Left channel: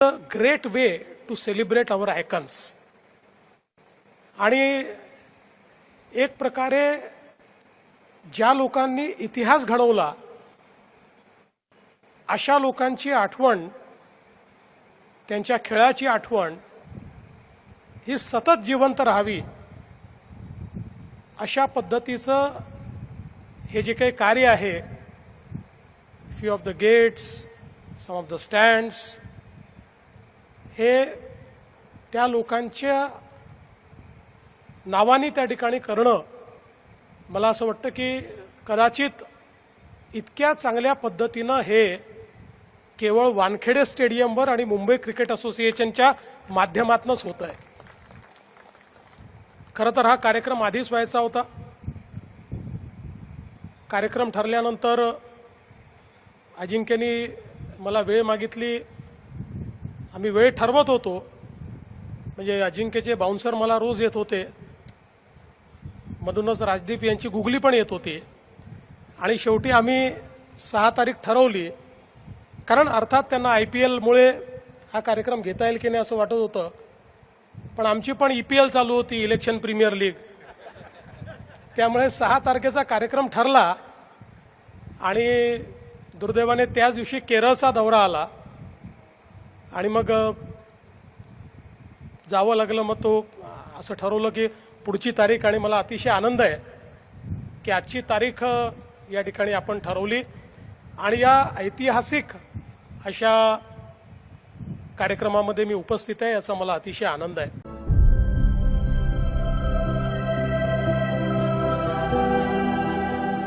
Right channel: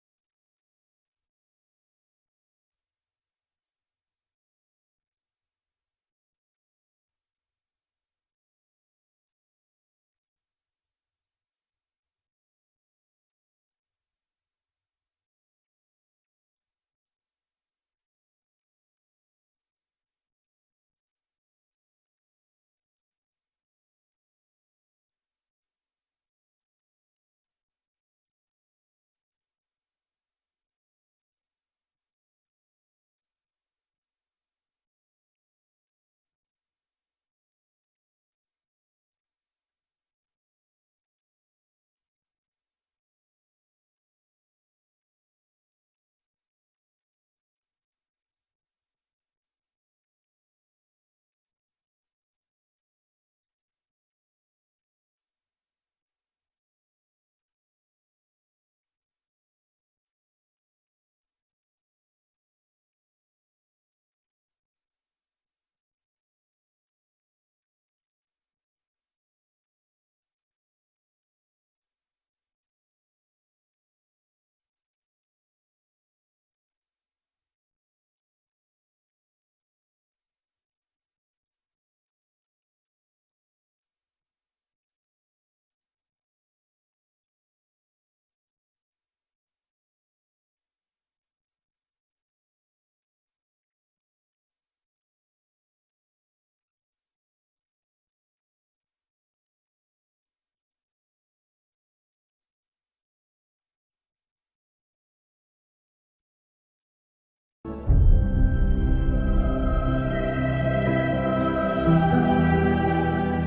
a great way to celebrate our icons. आणि एक प्रकारे ज्या लोकांनी इतिहास घडवला अशा लोकांची आठवण, त्यांच्या खेळाची आठवण ही सतत जिवंत राहावी अशा पद्धतीचं हे जे काही कार्य आहे, few of the gates, some of the stands, हे त्या लोकांच्या नावानी त्या ठिकाणी करणं, मला असं वाटतं की कदाचित इतक्या चांगल्या पद्धतीनं हे केवळ वानखेडे स्टेडियमवर आणि मुंबई क्रिकेट असोसिएशनच्या माध्यमातूनच होत आहे. खरं तर हा कार्यक्रम आधीच व्हायचा होता. कार्यक्रम ठरल्यानंतर अजिंक्यनी मला वेळ मागितली. आम्ही वेळ ठरवत होतो, म्हणजे अजिंक्यचे बाउन्सर मला रोज येत होते, मधूनच राजदीप यांची गुगली पण येत होती. आणि शेवटी आम्ही 6 तारीख ठरवली, कारण अर्थात त्यांना IPL मुळे हा कार्यक्रम घेता येईल की नाही असं वाटत होतं. पण आमची पण EPL चालू होती, इलेक्शन प्रीमियर लीग. त्यामुळे 6 तारखेचा कार्यक्रम ठरला आणि दुर्दैवाने त्याच दिवशी केरळचा दौरा आला आणि मग जावं लागलं. मग तो असं ठरवलं की पुढची तारीख, आणि मला अतिशय आनंद आहे की आजची तारीख या ठिकाणी आपण ठरवली आणि या ऐतिहासिक अशा कार्यक्रमामध्ये मी उपस्थित आहे, याचा मला अतिशय आनंद आहे.